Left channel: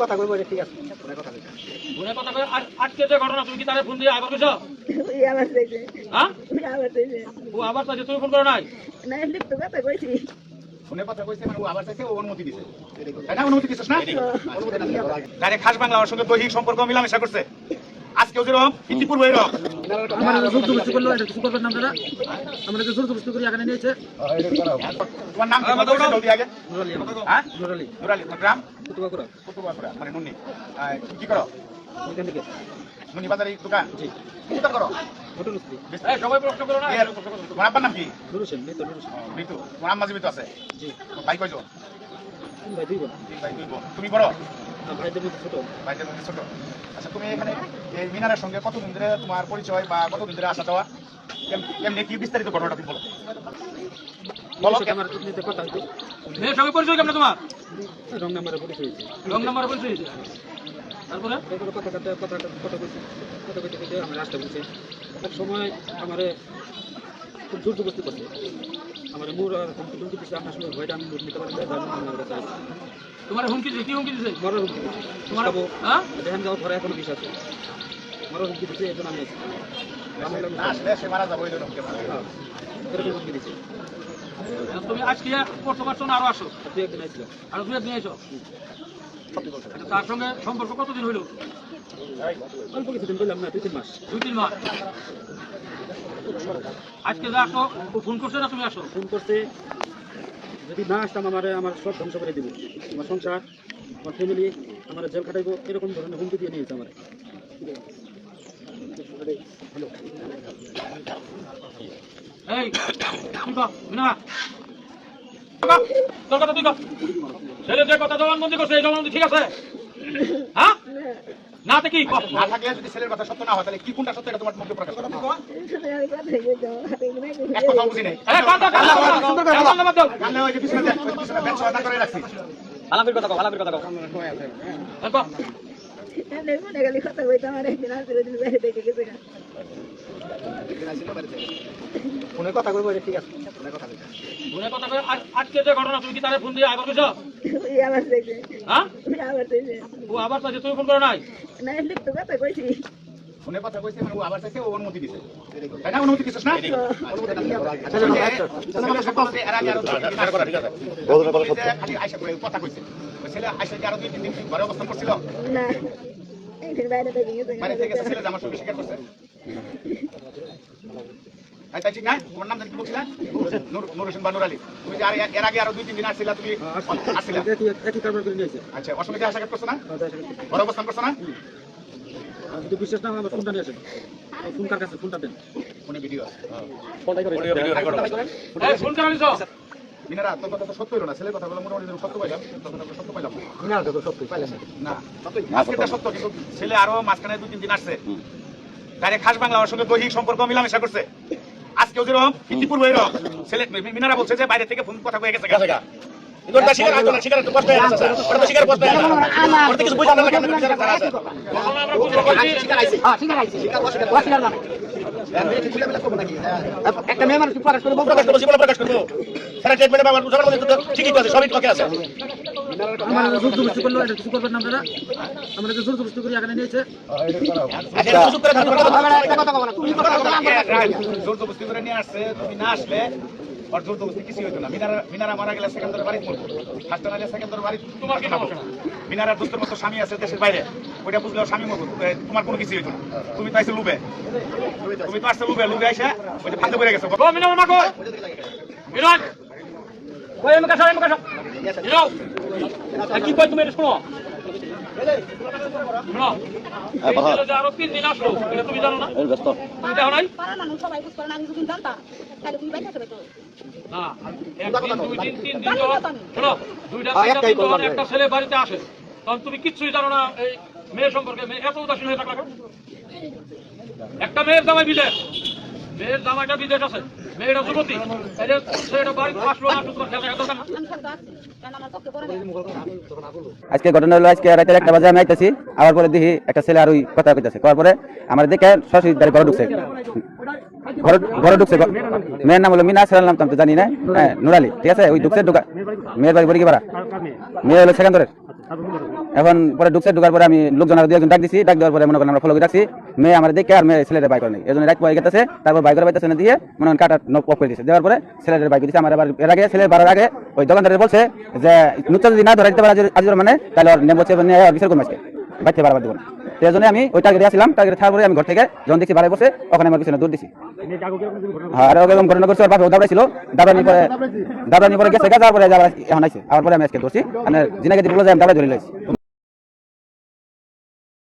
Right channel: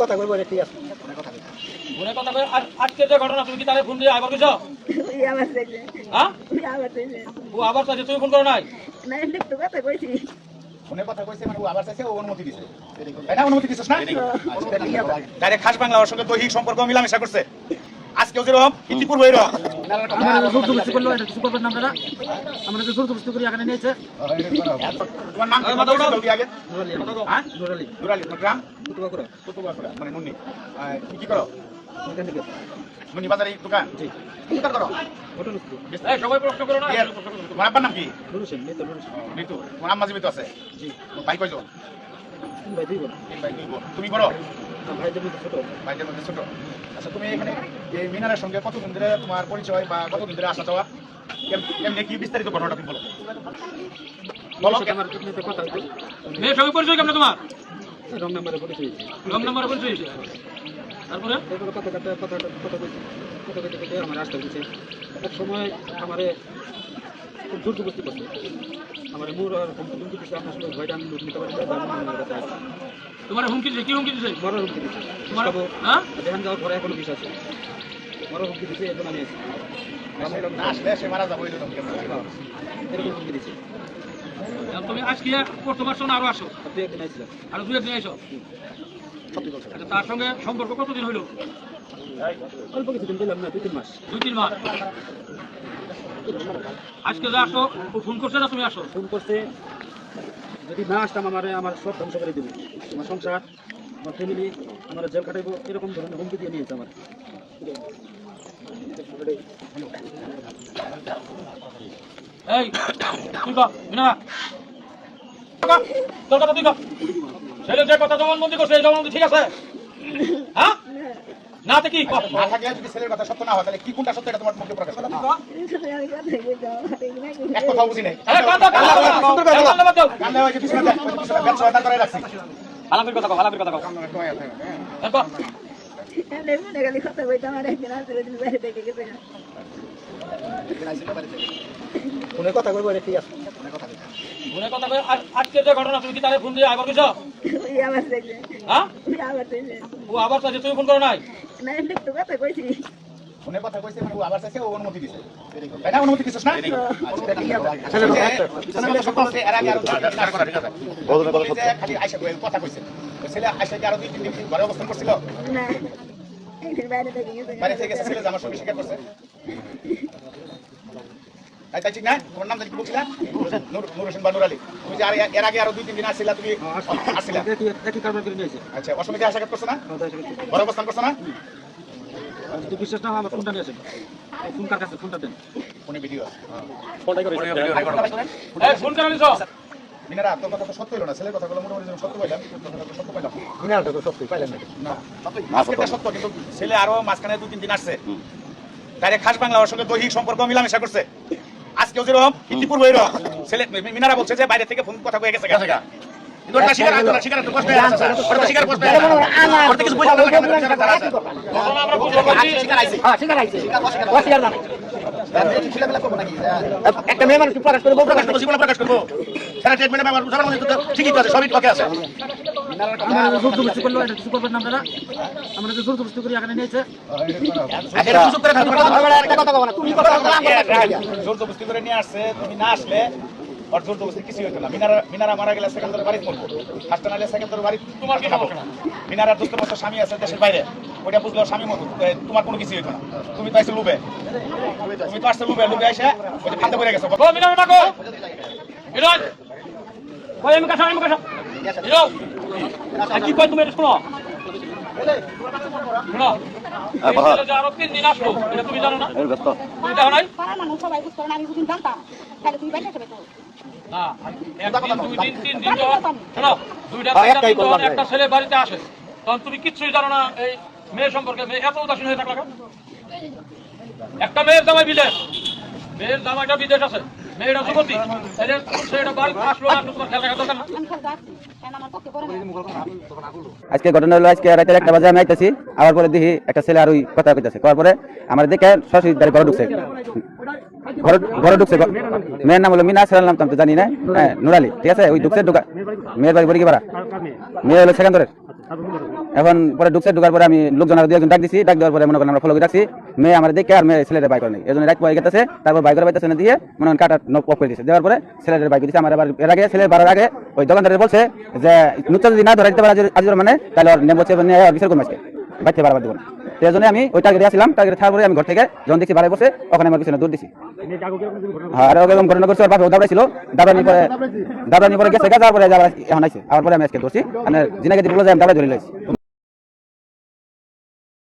কথা কইব ঠিক আছে ফোনে কথা কই আজকে যে ঘটনা তুমি কি তারে ফোন দিয়ে আবার কইছো আবার চাইছে হ্যাঁ আবার চাইছে ও আবার চাইছে তুমি ফোন করো নাই না এমনি তো কথা কইছি ফোনে কথা কইছে মানে ও আবার চাইছে ও অনুমতি দিছে এটা অনুমতি দিছস না ডাইরেক্ট খাস বাংলা ওর সঙ্গে দৈহিক সম্পর্ক মিলামেশা করছে আজকেও যেরকম ইতিপূর্বে এরকম আমরা জোর জবরদস্তি করলো এটা কিছু করবেন না আপনারা আমরা যে জোর জবরদস্তি করি এখানে নিয়েছে তোমার নাম কি জলদি আগে নুরালি হ্যাঁ নুরালি নুরালি গ্রাম কুতুবাকুড়া কুতুবাকুড়া মানে নুনি তুমি কি করো এখান থেকে নুনি বাজারে দোকান জি কোথায় করো ঘটন স্ত্রী এই সবাই প্রশ্ন করো না তোমার আব্বার নাম কি নুর হোসেন নেতা নুর হোসেন ঋতু তোমার আম্মা জীবিত আছে জি ভাই কয়জন তিন ভাই দুই বোন তিন ভাই দুই বোন তুমি বড় আর ভাইদের মধ্যে ছোট ভাইদের মধ্যে ছোট আচ্ছা তুমি এখানে এই মিনারের সঙ্গে কতদিন ধরে তোমার পরিচয় বা কতদিন ধরে আসা যাওয়া কেমনি কি বিস্তারিত ঘটনাটা তুমি বলো বলো আমার নিতে কথা হইতো মেয়ের সঙ্গে পরিচয় কেমন তোমার রং নাম্বারে পুলিশ হয়েছে রং নাম্বারে পরিচয় হয়েছে তারপরে এরপরে কথা কইতে আমার আসতে বলছে এক সময় আমারে খুব জোর জবরদস্তি করছে আমার মুর আর হুমকি দিচ্ছে আপনার সঙ্গে ভয়টা আমি লুট নিতে পারি আমার কাছে আসছে তোমার হুমকি দিছে কি হুমকি দিছে মরার হুমকি দিচ্ছে তোমার খাবো হ্যাঁ যেখানে যাওয়ার পরে এখনো বিষ আছে মরার হুমকি দিচ্ছে এখন আমি আছি আসলে সে মারা যাবো এরকম হ্যাঁ এরকম হুমকি দিচ্ছে তুমি আজকে করতে পারছো না আরো আসো আর দুই একদিন আসছিলাম আর দু একদিন এসো আচ্ছা, তার সঙ্গে সম্পর্ক কতদিন হইলো অল্প কিছুদিন বললাম না 2-3 মাস 2-3 মাস আজকে যা আসো ও ফোন করছে না তুমি আসো ফোন করতে যদি না আসতাম আমার সব ধ্বংস করে দিব আমার সংসার আমার ফ্যামিলি আমার জেল খাটাইবো এরকম ধরনের হুমকি দিয়ে নিয়েছে আমার এই তুই কা মিনা তোর কথা তুই কা ছেলে যে কথা জবানবন্দি করছে এই জবানবন্দি ঠিক আছে হ্যাঁ না তো কি না থাকলে যদি ছেলের কথা সত্য না হয় তাহলে কি কোনটা সত্য এটা তোমার মুখে প্রকাশ করো আমি কথা কইতো এক কথা বুঝি নাই কান্না হয়েছে পিছনে ব্যবসা করে রাখছি হালামির কথা কও হালামির কথা কও এমনি মনে গেলি কথা কইতো আমার একদিন আসলে দিন বাইরে দেখে গেছে ফোনে কথা কইব ঠিক আছে ফোনে কথা কই আজকে যে ঘটনা তুমি কি তারে ফোন দিয়ে আবার কইছো আবার চাইছে হ্যাঁ আবার চাইছে ও আবার চাইছে তুমি ফোন করো নাই না এমনি তো কথা কইছি ফোনে কথা কইছে মানে ও আবার চাইছে ও অনুমতি দিছে এটা অনুমতি দিছস না ছেলে সকলকে এর আগে আর করা ঠিক আছে বলতে বলে সত্য খালি আয়শা কথা কইছে ছেলে আয়শা কি আরো 2-3 দিন ঘরে অবস্থান করছিল না একদিন বাইরে দেখে গেছে বাইরে থেকে ছেলে আমার সঙ্গে স্বীকার করছে তাই ঠিক না তোমার নাম কি বলছিলা নূর হোসেন বা নুরালি তুমি যে এর আগে আরো 2-3 দিন আসছিলা তুমি আসছিলা একই কারবার করে নিয়েছে আচ্ছা অসময়ে আশা করছো না ঘরে অবস্থান করছো না আর যদি বিশ্বাস না হয় আমার ফোনটা নিয়ে আসেন ফোন কার কাছে ফোনটা দেন ফোনে ভিডিও এই ফোন করে নিছো মিনারা তোর কথা তো সত্য হলো না ছেলের কথাগুলো মোটামুটি সত্য পাইলাম সত্য পাইলাম মিনারা তো সত্য পাইলাম না আজকে সত্য কিন্তু ছেলে আরো মাঝখানে 2-3 দিন আসছে ডাইরেক্ট খাস বাংলা ওর সঙ্গে দৈহিক সম্পর্ক মিলামেশা করছে আজকেও যেরকম ইতিপূর্বে এরকম ছেলে মিনারা বলছে যে বাইরে থেকে ফোন কথা কয়ে গেছে ইগোটা স্বীকার করতে না স্বীকার করতে ওটা স্বীকার করতে আমার কিছু বুঝা না আমরা বুঝতে পারছি স্বীকার আইছে হ্যাঁ স্বীকার আইছে স্বীকার না একটা মেয়ে মানুষ প্রকাশ করবো প্রকাশ করবো সারা ট্রিটমেন্টে ব্যবহার ঠিকই আছে সবই ওকে আছে আমরা জোর জবরদস্তি করলো এটা কিছু করবেন না আপনারা আমরা যে জোর জবরদস্তি করি এখানে নিয়েছে এটা সুযোগ করে কথা বলো না তুমি জোর জবরদস্তি করে নিয়ে আসছে তুমি না আসলে আর জোর জবরদস্তি কিছু হতো না মিনারা মারা গেলে সেকেন্ডার বাড়ি মরতো ফার্স্ট নাইলে সেকেন্ডার বাড়ি তোমার কি খবর মিনারার দুষ্ট মতো স্বামী আছে দেশের বাইরে ওইটা বুঝলেও স্বামী মতো তোমার কোনো কিছু হতো না তুমি তো আইছো লুবে তুমি তো আসছো লুবে এসে ওই যে খাতে করে গেছো গো মিনার মা গো মিনার কই এম কাছা মিনার কি কই তুমি এটা শোনো শোনো আরো 3 দিন আসো এটা তুমি জানো না এই ব্যস্ত তুমি জানো নাই পাড়া মানুষ সবাই বুঝ করে না আমি বুঝুন জানতাম তাহলে তুমি বাইরে করে তো না একদিন 2 দিন 3 দিন শোনো দুইটা তিনটা দিন একটা ছেলে বাড়িতে আসে তখন তুমি কিচ্ছুই জানো না এই মেয়ে সম্পর্কে মেয়ে এত উদাসীন হয়ে থাকলা একটা মেয়ের জামাই বিদেশ মেয়ের জামাইটা বিদেশ আছে মেয়েরা যুবতী তাহলে সেটা বাড়িতে আসলো না তোমার খেলা দেখা দরকার না। আমি খেলতে আসছি কারণ আমার পক্ষে বড় না আজকে ঘটনা হলো আজকে রাতে 1টা বাজে আমি আইতেছি, আবার পরে দেখি একটা ছেলে আর ওই কথা কইতাছে, করার পরে আমার দেখে সরাসরি ঘরে ঢুকছে, ঘরে ঢুকছে। মেয়ের নাম হলো মিনা, ছেলের নাম তো আমি জানি না, হ্যাঁ নুরালি, ঠিক আছে। ওই ঢুকছে, ঢুকা মেয়ের বাড়ি বড়ি কি পাড়া, মেয়ে হলো সেখান্তরের। এখন পরে ঢুকছে, ঢুকার পরে আমি লোকজন আর 2 একজন ডাক দিছি, ডাক দেওয়ার পরে মনে করেন আমরা ফলো করে রাখছি। মেয়ে আমার দেখে আর মেয়ে ছেলেদের বাইক করে নেই, এই জন্য রাত পরে গেছে। তারপর বাইকের বাইতেছে না দিয়ে মনে করেন কাটা নক অফ করে দিয়েছে, দেওয়ার পরে ছেলেদের বাইক দিচ্ছে। আমার আবার এর আগে ছেলের বাড়ার আগে ওই দোকানদারের বলছে যে নুচ্চা যদি না ধরা দিতে পারে আজ মানে তাহলে ওর নেম বলছে বিচার করবো আজকে, বাইতে বাড়াবার দেবো না। এই জন্য আমি ওই টার্গেটে আসলাম, টার্গেটে থাকার পরে আমি ঘর থেকে যখন দেখছি বাড়াই বসে, ওখানে আমার পিছনে দৌড় দিছি। হ্যাঁ, আর ওরকম ঘটনা করছে, ওর বাপে দাঁড়াইছিল, দাঁড়ানি পরে গেছে, যাওয়ার পরে এখন আইছে। আমার পরে আমি আজকে ধরছি, মানে জিনাকে বলে যে আমি দাঁড়াই ধরে লাইছি।